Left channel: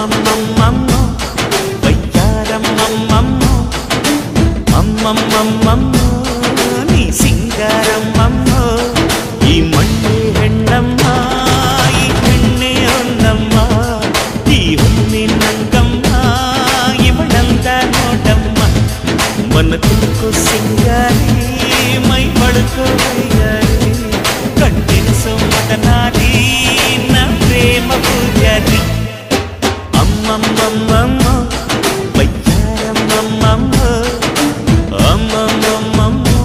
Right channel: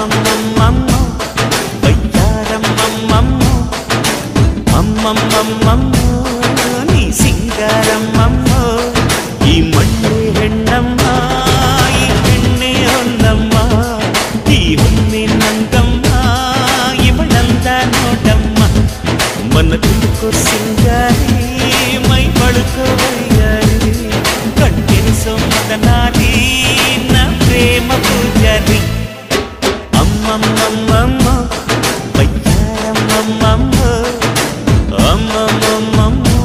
అమ్మమ్మమ్మమ్మమ్మో వయ్యారమ్మమ్మమ్మో అమ్మమ్మమ్మమ్మో నీ సింగారమ్మమ్మో ఈ మಣ್ಣే ಹೆಣ್ಣಮ್ಮ ಈ ಹೆಣ್ಣೆ ಹೊನ್ನಮ್ಮ ಈ ಹೊನ್ನೆ ನಂಗಮ್ಮ ಇವಳಂದ ನೋಡಮ್ಮ ಮನ ತುಳ್ಕೋ ಸಿಂಗಾರಿ ಮೈ ಬಳುಕೋ ವಯ್ಯಾರಿ ಕಣ್ತೆರೆಸೋ ಮದನಾರಿ ನ ಪ್ರೇಮ ಪೂಜಾರಿ ಅಮ್ಮಮ್ಮಮ್ಮಮ್ಮೋ ವಯ್ಯಾರಮ್ಮಮ್ಮಮ್ಮೋ ಅಮ್ಮಮ್ಮಮ್ಮಮ್ಮೋ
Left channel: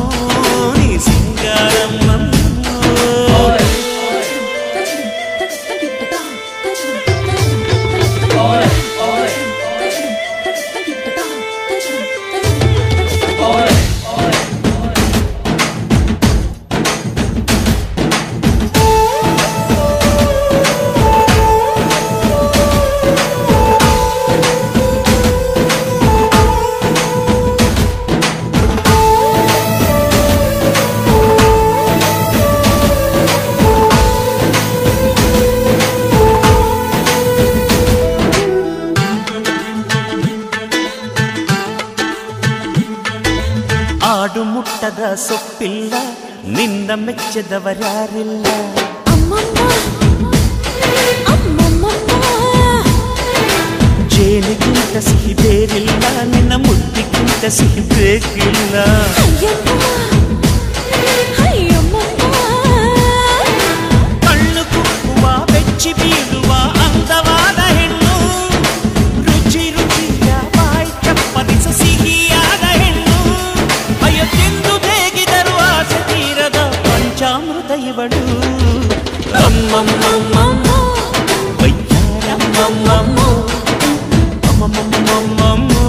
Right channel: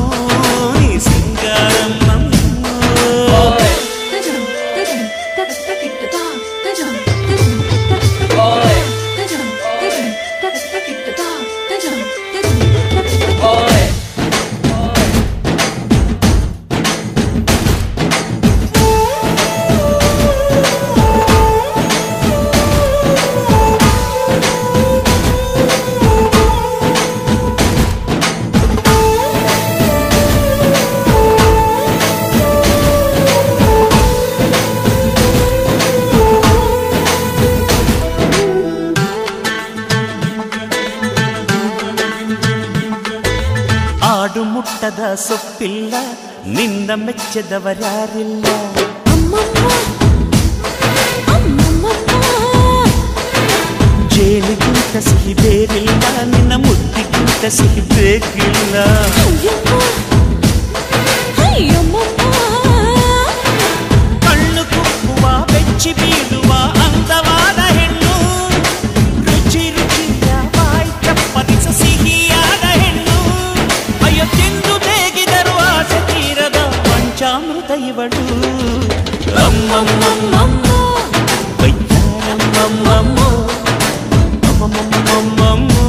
ನೀ ಸಿಂಗಾರಮ್ಮಮ್ಮೋ ಆಡು ಮುಟ್ಟದ ಸೊಪ್ಪಿಲ್ಲ ನಿನ್ನ ಮೆಚ್ಚದವರ್ಯಾರಿಲ್ಲ ಜೇನಿಗಿಂತ ಸಿಹಿ ಬೇರಿಲ್ಲ ನಿನ್ನ ಮುದ್ದಿಗಿಂತ ಸಿಹಿ ಬೇಕಿಲ್ಲ ಕಣ್ಣು ಕುಕ್ಕುವ ಬೆಚ್ಚಿ ಬೀಳುವ ಅಂದವಾದ ಹೆಣ್ಣು ರುಚಿ ರುಚಿಯ ಬಾಯಿ ಚಪ್ಪರಿಸ ಸಿಹಿಯಾದ ಹೆಣ್ಣು ಅಯ್ಯೋ ತಿಂದು ಬೇಗಿದರು ಆಸೆ ತೀರದ ಪಂಚಾಮೃತ ಇವಳು ಅಮ್ಮಮ್ಮಮ್ಮಮ್ಮೋ ವಯ್ಯಾರಮ್ಮಮ್ಮಮ್ಮೋ ಅಮ್ಮಮ್ಮಮ್ಮಮ್ಮಮ್ಮೋ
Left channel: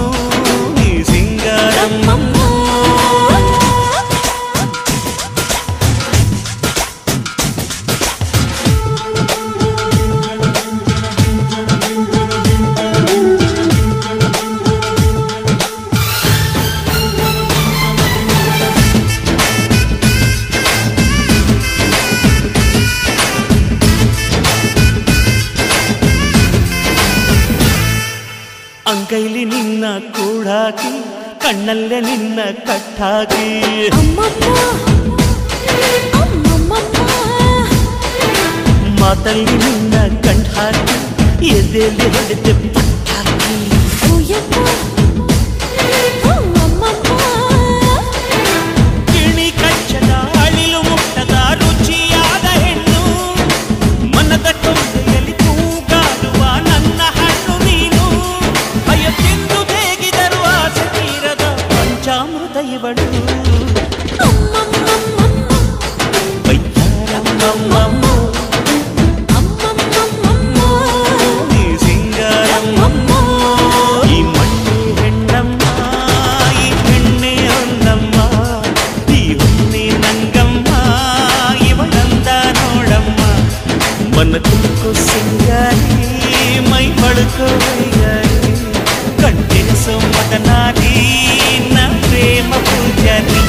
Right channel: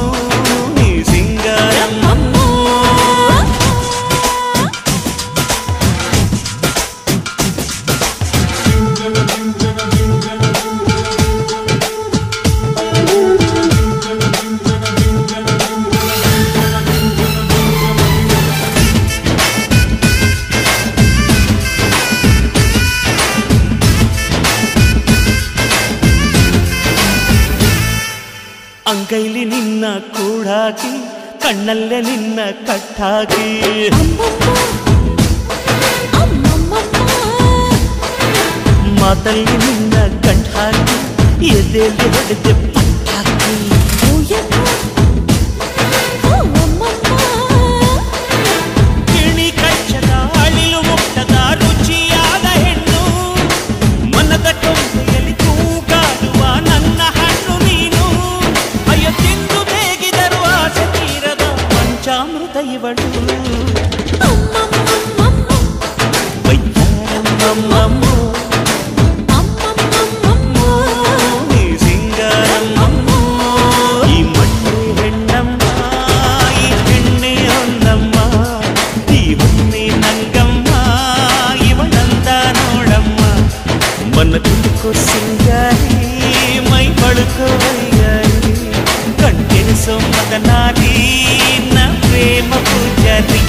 ನೀ ಸಿಂಗಾರಮ್ಮಮ್ಮೋ ಅಂಗೈಲಿ ನಿನ್ನ ಕೂಡಾಕಿ ಕಣ್ಣಲ್ಲೇ ನಿನ್ನ ಕಟ್ಟಾಕಿ ಮಾತಲ್ಲಿ ನಿನ್ನ ಗಂಟ್ ಹಾಕಿ ಎದೆಯಲ್ಲಿ ಹೊಡೆದೆ ಪಟ್ಟಾಕಿ ಗಿಣಿ ಕಚ್ಚದ ಅಳಿಲು ಮುಟ್ಟದ ರುಚಿಯಾದ ಹೆಣ್ಣು ಮನದ ಕೊಂಬೆಯಲ್ಲಿ ತೂಗಾಡುವ ನನ್ನ ಹಣ್ಣು ನೀನು ಅಯ್ಯೋ ತಿಂದು ಬೇಗಿದರು ಆಸೆ ತೀರದ ಪಂಚಾಮೃತ ಇವಳು ವಯ್ಯಾರಮ್ಮಮ್ಮಮ್ಮೋ ನೀ ಸಿಂಗಾರಮ್ಮಮ್ಮೋ ಈ ಮಣ್ಣೆ ಹೆಣ್ಣಮ್ಮ ಈ ಹೆಣ್ಣೆ ಹೊನ್ನಮ್ಮ ಈ ಹೊನ್ನೆ ನಂಗಮ್ಮ ಇವಳಂದ ನೋಡಮ್ಮ ಮನ ತುಳ್ಕೋ ಸಿಂಗಾರಿ ಮೈ ಬಳುಕೋ ವಯ್ಯಾರಿ ಕಣ್ತೆರೆಸೋ ಮದನಾರಿ ನ ಪ್ರೇಮ ಪೂಜಾರಿ